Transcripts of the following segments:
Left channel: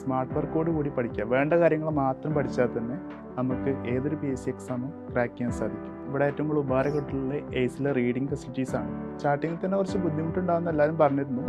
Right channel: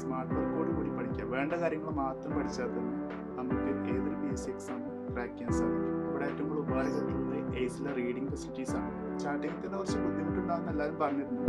Smart വർക്കോട് കൂടി പഠിക്കുക. വേണ്ട കാര്യങ്ങൾ മാത്രം പഠിച്ചാൽ തന്നെ നമുക്ക് ഏതൊരു PSC എക്സാമും ക്രാക്ക് ചെയ്യാൻ സാധിക്കും. ഇവിടെ ഏറ്റവും കൂടുതൽ ഉപകാരപ്പെട്ടുള്ളത് എയ്സിലെ റീഡിംഗ് ഫെസിലിറ്റീസ് ആണ്. സ്റ്റാർട്ടിങ്ങിൽ തന്നെ കുറച്ച് ബുദ്ധിമുട്ടുണ്ടാകുന്ന എല്ലാവരും പറഞ്ഞിരുന്നു.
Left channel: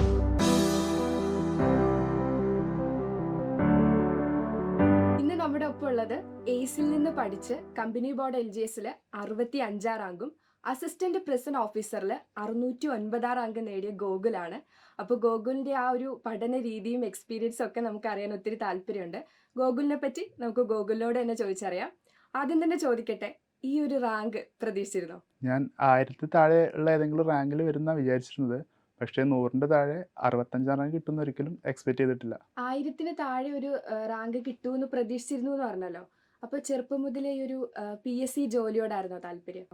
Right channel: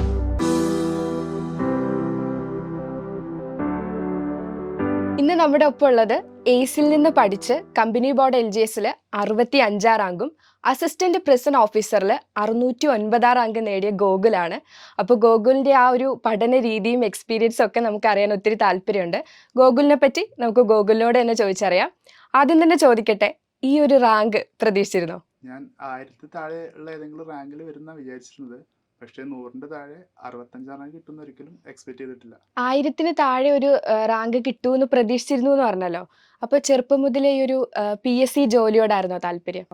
ഇന്ന് നമ്മുടെ ഒപ്പം ഉള്ളത് എയ്സിൽ നിന്ന് പഠിച്ച് കമ്പനി ബോർഡ് LGSൽ 65 റാങ്കും അസിസ്റ്റന്റ് പ്രിസൺ ഓഫീസറിൽ 609 റാങ്ക് നേടിയ ഗോകുലാണ്. അപ്പോൾ ഗോകുലിന്റെ ആ ഒരു പഠന രീതിയും എക്സ്പീരിയൻസും ഒക്കെ നമുക്ക് അറിയാൻ ഒത്തിരി താല്പര്യമുണ്ട്. ഗോകുലിനെ പറ്റി നമുക്ക് ഗോകുലിനോട് തന്നെ ചോദിച്ചറിയാം. ആദ്യം തന്നെ ചോദിക്കട്ടെ, ഈ ഒരു റാങ്ക് പ്രതീക്ഷിച്ചിരുന്നോ? ഞാൻ 1000 താഴെ ഉള്ള ഏതെങ്കിലും റാങ്കിൽ വരുന്ന വിചാരിച്ചിരുന്നത്. പക്ഷേ 100ന്റെ താഴെ 65 റാങ്ക് കിട്ടുമെന്ന് ഒരിക്കലും എക്സ്പെക്ട് ചെയ്തിട്ടില്ല. 1000 താഴെ ഒരു റാങ്ക് കിട്ടുമെന്ന് പ്രതീക്ഷിച്ചിരുന്നു എന്ന് പറഞ്ഞല്ലോ. അപ്പോൾ ചെറുപ്പം മുതലേ ഈ ഒരു PSC ജോലിയോടായിരുന്നോ താല്പര്യം?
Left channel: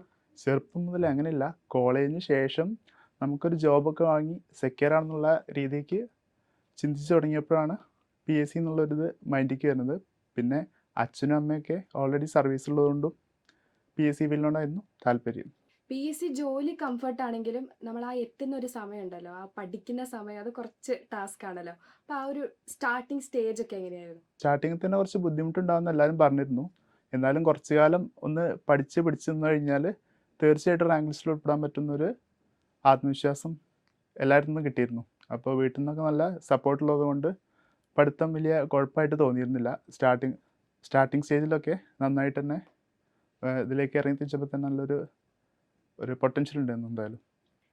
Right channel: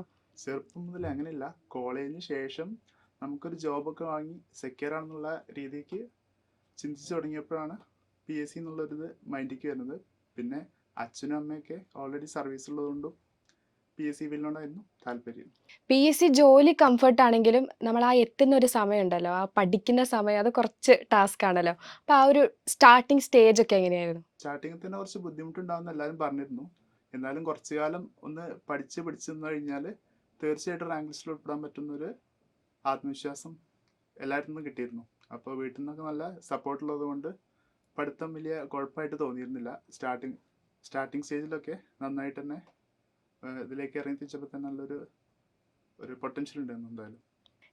ചെറുപ്പം മുതൽ അങ്ങനെയില്ല, കോളേജിന് ശേഷം നമുക്കൊരു ജോബൊക്കെ വാങ്ങി സെക്യൂർ ആണെന്നുള്ള രീതിക്ക് ചിന്തിച്ച് തുടങ്ങിയപ്പോഴാണ് PSC എന്നുള്ളൊരിത് മൈൻഡിലേക്ക് വരുന്നത്. പിന്നെ അച്ഛനും അമ്മയൊക്കെ ഓൾറെഡി സർവീസുള്ളതുകൊണ്ടും PSC ഫീൽഡിനോടായിരുന്നു താല്പര്യം. PSC ജോലി കംഫർട്ട് ആണെങ്കിലും നമ്മൾ ആ എത്തുന്ന ഒരു സമയം ഉണ്ടല്ലോ, ആ പഠിക്കുന്ന സമയം അത് കുറച്ച് ടാസ്ക് ആണല്ലോ. അപ്പോൾ ആ ഒരു സ്റ്റാർട്ടിങ് സ്റ്റേജ് ഒക്കെ എങ്ങനെയായിരുന്നു? സ്റ്റാർട്ടിങ്ങിൽ തന്നെ കുറച്ച് ബുദ്ധിമുട്ടുണ്ടാകുമെന്ന് എല്ലാവരും പറഞ്ഞിരുന്നു. എന്നാലും കുറച്ച് കാലം ഒന്ന് പഠിച്ച് പിടിച്ച് നിന്ന് കഴിഞ്ഞാൽ തീർച്ചയായിട്ടും റാങ്ക് ലിസ്റ്റിൽ ഉൾപ്പെടാൻ പറ്റുന്നൊരു ആത്മവിശ്വാസം എല്ലാവരിൽ നിന്നും കിട്ടിയിരുന്നു. അപ്പോൾ വീട്ടിൽ നിന്നൊക്കെ നല്ല സപ്പോർട്ടുള്ളത് കൊണ്ട് പഠിത്തം വലിയ കുഴപ്പമായിട്ട് തോന്നിയിരുന്നില്ല. സ്റ്റാർട്ടിങ് സ്റ്റേജിലൊക്കെ നന്നായിട്ട് തന്നെ ഇതിലേക്ക് ഇറങ്ങി തിരിച്ചപ്പോൾ തന്നെ ഒരു പൊട്ടൻഷ്യൽ ഉണ്ടായിരുന്നു എന്തായാലും.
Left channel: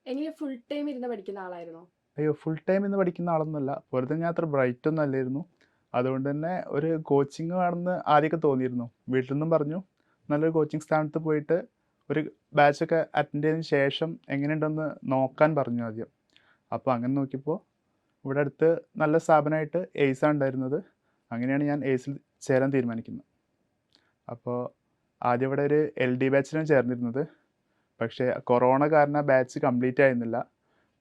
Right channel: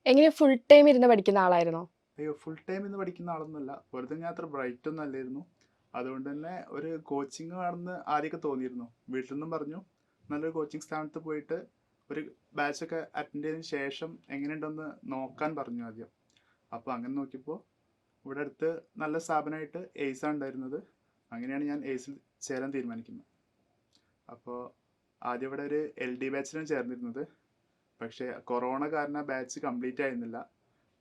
എങ്ങനെ ഫുൾ ടൈം ഇരുന്ന് പഠിക്കുന്ന ആളായിരുന്നോ? അയ്യോ, ഫുൾ ടൈം ഇന്ന് പഠിക്കുന്ന ആളൊന്നുമല്ല. വെറുതെ ഞാൻ അത്ര ബ്രൈറ്റ് ഒന്നും അല്ലായിരുന്നു. അതുകൊണ്ട് തന്നെ ഒരു കോച്ചിങ് ആണെന്ന് ആദ്യമൊക്കെ തോന്നിയിരുന്നു. വീട്ടിൽ നിന്നും പറഞ്ഞു നല്ലൊരു കോച്ചിങ് സ്ഥാനത്ത് പോയിട്ട് ഒരു ബാച്ചൊക്കെ അറ്റൻഡ് ചെയ്തതിന് ശേഷം എങ്ങനെയുണ്ടെന്ന് നോക്കാൻ പറഞ്ഞു ആദ്യം. അപ്പോൾ അങ്ങനെ നോക്കിയപ്പോൾ ഇവിടെ അടുത്ത് നല്ല സ്ഥാപനമായിട്ട് എയ്സാണ് ഉണ്ടായിരുന്നത്. അങ്ങനെയാണ് ഞാൻ എയ്സിൽ ചേരാൻ തീരുമാനിക്കുന്നത്. അപ്പോൾ ആദ്യം ഇവിടെ ഒരു LD ബാച്ചിലാണ് ചേർന്നിരുന്നത്. പക്ഷേ കൊറോണ കാരണം ബാച്ച് കംപ്ലീറ്റ് ആയിരുന്നില്ല.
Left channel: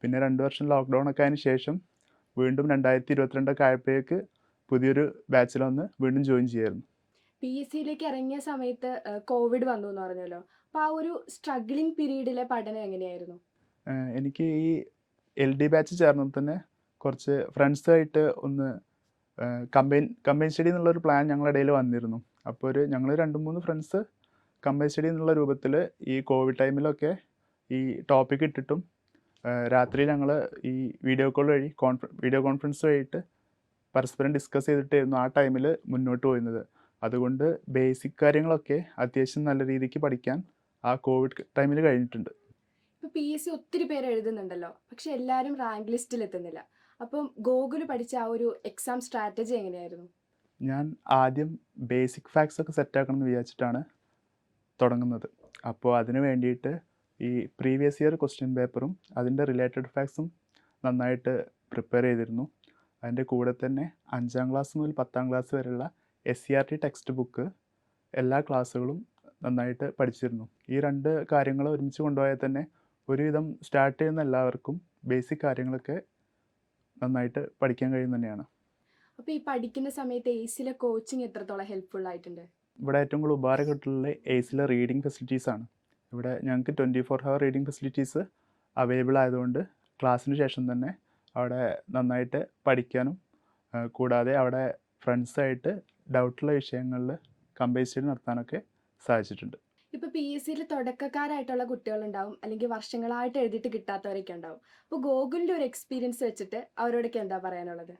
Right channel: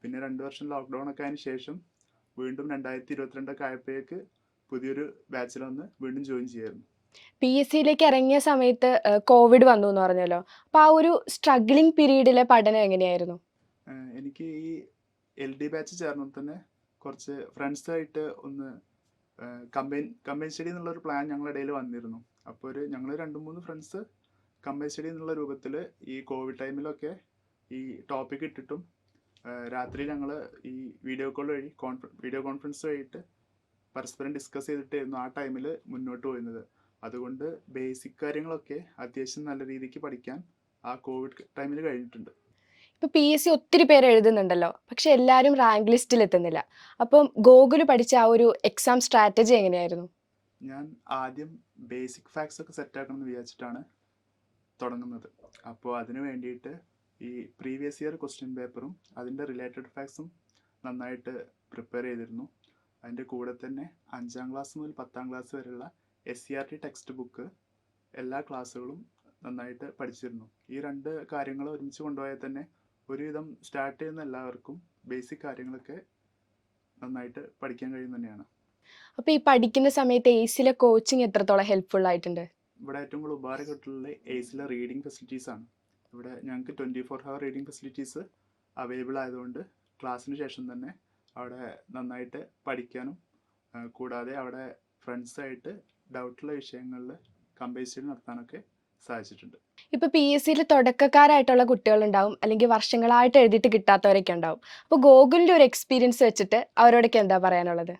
പിന്നെ 2 വർഷം ലോക്ക്ഡൗൺ ഒക്കെ അതിന് ശേഷം വീണ്ടും 2022 ആയപ്പോഴേക്ക് പുതിയൊരു ബാച്ചിലൊന്ന് വീണ്ടും ജോയിൻ ചെയ്യായിരുന്നു. PSCയിലേക്ക് ഇറങ്ങിയ സമയത്ത് കോവിഡ് വന്നു എന്ന് പറഞ്ഞല്ലോ. അപ്പോൾ ആ ഒരു സ്ട്രഗ്ലിംഗ് പീരീഡിലെ പഠനം എങ്ങനെയായിരുന്നു? എനിക്ക് ഈ LD ബാച്ച് ചേർന്നപ്പോൾ തന്നെ കുറച്ച് ഫ്രണ്ട്സായിട്ട് ഒന്ന് കമ്പൈൻ സ്റ്റഡി എന്നുള്ളൊരു പ്ലാൻ ഞങ്ങളുടെ ഇടയിൽ വന്നിരുന്നു. അപ്പോൾ ഞങ്ങൾ 2-3 ഫ്രണ്ട്സ് കമ്പൈൻ സ്റ്റഡി എന്നുള്ള രൂപത്തിൽ ഈ കോവിഡ് ടൈമിലൊക്കെ ഈ ടോപ്പിക് ഇട്ടിട്ടും രാത്രി ഞങ്ങൾ ഈ വീഡിയോ കോൺഫറൻസ് വഴിയിട്ട് പരസ്പരം ഡിസ്കസ് ചെയ്തിട്ടായിരുന്നു ആ ടൈമിൽ മുന്നോട്ട് പോയിരുന്നത്. അതുകൊണ്ട് ബേസിക് കാര്യങ്ങളൊക്കെ അത്യാവശ്യം നല്ല രീതിക്ക് പഠിക്കാൻ ആ കോവിഡ് ടൈമിൽ കഴിഞ്ഞിട്ടുണ്ട്. ഇപ്പോൾ PSC ഒത്തിരി പേര് എഴുതുന്നുണ്ടല്ലോ, പക്ഷെ എല്ലാവരും റാങ്ക് ലിസ്റ്റിൽ എത്തുന്നില്ല. അപ്പം ഗോകുൽ പഠിച്ച ആ ഒരു എക്സാം സ്ട്രാറ്റജി എങ്ങനെയായിരുന്നു? ഞാൻ ആദ്യം ബേസിക് ഫാക്ട്സ് ഒക്കെ സെറ്റാക്കണം എന്ന് വിചാരിച്ചിട്ടാണ് തുടങ്ങുന്നത്. അപ്പോൾ അതിന് വേണ്ടിയിട്ട് ഈ പ്രീവിയസ് ഇയർ ക്വസ്റ്റ്യൻ പേപ്പറും അതിൻ്റെ റിലേറ്റഡ് ഫാക്ട്സും നന്നായിട്ട് പ്രിപ്പയർ ചെയ്തിരുന്നു. അതിൻ്റെ കൂടെ തന്നെ 5ാം ക്ലാസ് മുതൽ 10ാം ക്ലാസ് വരെയുള്ള SCERT ടെക്സ്റ്റ് ബുക്ക് എല്ലാ ക്ലാസ്സുകളും നന്നായിട്ട് പഠിച്ചിരുന്നു. ഈ 2 കാര്യങ്ങൾ ഒരുമിച്ച് കൊണ്ടുപോയാൽ തന്നെ ഒരുവിധം സ്റ്റാർട്ട് ചെയ്യുന്ന എല്ലാവർക്കും ബേസിക് കാര്യങ്ങളൊക്കെ നന്നായിട്ട് പഠിക്കാൻ കഴിയും തന്നെയാണ്. അപ്പോൾ ഈ പഠിക്കുന്ന സമയത്ത് എയ്സിലെ കോച്ചിങ് എത്രത്തോളം ഹെൽപ്ഫുൾ ആയിട്ടുണ്ട്? ഇവിടെ ഏറ്റവും കൂടുതൽ ഉപകാരപ്പെട്ടുള്ള എയ്സിലെ റീഡിംഗ് ഫെസിലിറ്റീസ് ആണ്. ഇവിടെ ഞങ്ങൾക്ക് 24 ഹവർ റീഡിംഗ് ഫെസിലിറ്റീസ് അവൈലബിൾ ആയതുകൊണ്ട് ക്ലാസ്സിന് ശേഷം തന്നെ അവിടെ നന്നായിട്ട് പഠിക്കാനും കൂടാതെ അവിടെ ഫ്രണ്ട്സായിട്ട് ഡൗട്ടുള്ള വിഷയങ്ങളിൽ കമ്പൈൻ സ്റ്റഡി നടത്താനൊക്കെ സാധിച്ചിട്ടുണ്ട്. ഇപ്പോൾ PSCയിൽ തുടക്കക്കാരായിട്ടുള്ള കുട്ടികളുണ്ടാവും, അല്ലെങ്കിൽ വർഷങ്ങളായിട്ട് എഴുതിയിട്ട് കിട്ടാത്തവരൊക്കെ ഉണ്ടാവും. അപ്പോൾ ഗോകുലിൻ്റെ ഒരു എക്സ്പീരിയൻസ് വെച്ചിട്ട് അവരോടൊക്കെ എന്താ പറയാനുള്ളത്?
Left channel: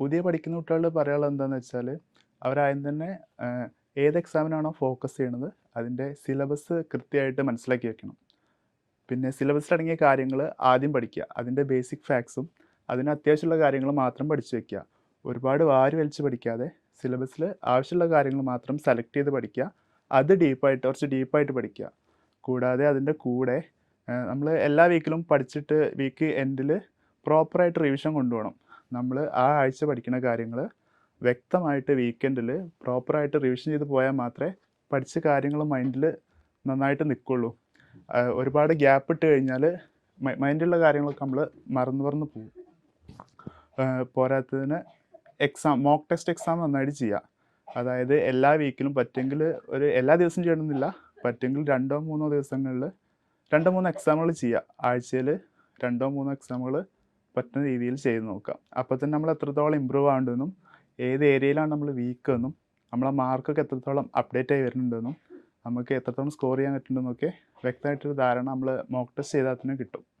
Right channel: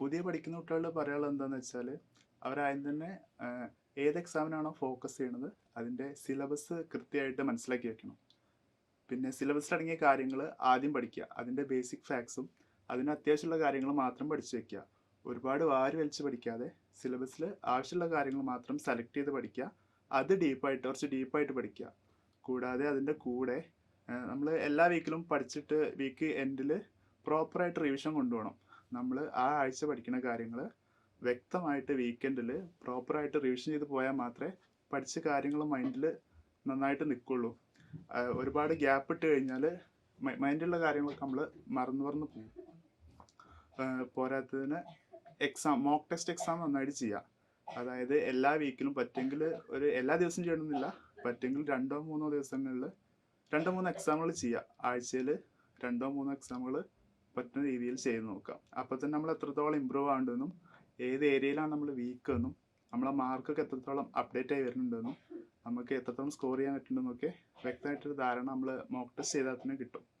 പുതിയ പഠിക്കുന്ന കുട്ടികളോട് പറയാനുള്ളത് എന്താണെന്ന് വെച്ചാൽ അവരാദ്യം തന്നെ ഏത് എക്സാമിനാണോ ഫോക്കസ് ചെയ്യണത് അതിൻ്റെ സിലബസ് കൃത്യമായിട്ട് മനസ്സിലാക്കി വെക്കണം. പിന്നെ സിലബസിലടങ്ങിയ കാര്യങ്ങൾ ആദ്യം പഠിക്കുക. അതിൻ്റെ ബേസിക് ഫാക്ട്സും അതിന് അത്യാവശ്യമുള്ള കാര്യങ്ങൾ മാത്രം പഠിച്ചു വയ്ക്കുക. ഒരുപാട് വാരി വലിച്ച് പഠിക്കാതെ സിലബസിൽ ആവശ്യമുള്ള കാര്യങ്ങൾ മാത്രം സെലക്ട് ചെയ്ത് പഠിക്കുക. അത് കുറച്ച് ഡീപ്പായിട്ട് പഠിക്കുക. കൂടാതെ അതിൻ്റെ കൂടെ നമ്മൾ എല്ലാ വീക്കിലും പഠിച്ചിട്ട് വീക്ക് എൻഡിൽ പ്രോപ്പറായിട്ട് റിവിഷൻ കൊണ്ടുപോകണം. നമ്മൾ ആ ആഴ്ച പഠിക്കുന്ന കാര്യങ്ങൾ വ്യക്തമായിട്ട് വീക്കെൻഡിൽ പ്രോപ്പറായിട്ട് റിവിഷൻ ചെയ്ത് പോയാൽ മാത്രമേ പഠിച്ച കാര്യങ്ങൾ മൈൻഡിൽ നന്നായിട്ട് നിൽക്കുള്ളൂ. ഒരുപാട് ഗ്യാപ്പ് ഇട്ട് കഴിഞ്ഞാൽ മൈൻഡിലുള്ള കാര്യങ്ങളൊക്കെ നമ്മൾ മറന്നു പോകും. പോരാത്തതിന് മോക്ക് ടെസ്റ്റ് എക്സാം നന്നായിട്ട് ചെയ്യുക. അതായത് എല്ലാ വീക്കിലും പറ്റുമെങ്കിൽ എല്ലാ ദിവസവും ചെയ്യണമെന്നില്ല, പറ്റുമെങ്കിൽ 2-3 ദിവസങ്ങളിൽ 2-3 എക്സാമുകൾ ചെയ്യുക. ആഴ്ചയിൽ 2-3 എക്സാമുകൾ പറ്റുന്ന രീതിയിൽ ചെയ്ത് നോക്കാം. അപ്പോൾ തന്നെ നമ്മൾ എത്രത്തോളം ഇമ്പ്രൂവ് ആവേണ്ടതെന്നും ഏത് ഏരിയയിലാണ് നമ്മൾ വീക്ക് എന്നും നമ്മളെ മാർക്കൊക്കെ എത്രത്തോളം അപ്ഡേറ്റ് ആയി വരുന്നുണ്ടെന്നും നമുക്ക് എത്രത്തോളം സ്കോർ ചെയ്യാൻ പറ്റുന്നുണ്ടെന്നൊക്കെ വ്യക്തമായിട്ടൊരു ധാരണ നമ്മൾ മോക്ക് ടെസ്റ്റ് ചെയ്താൽ തന്നെ കിട്ടും.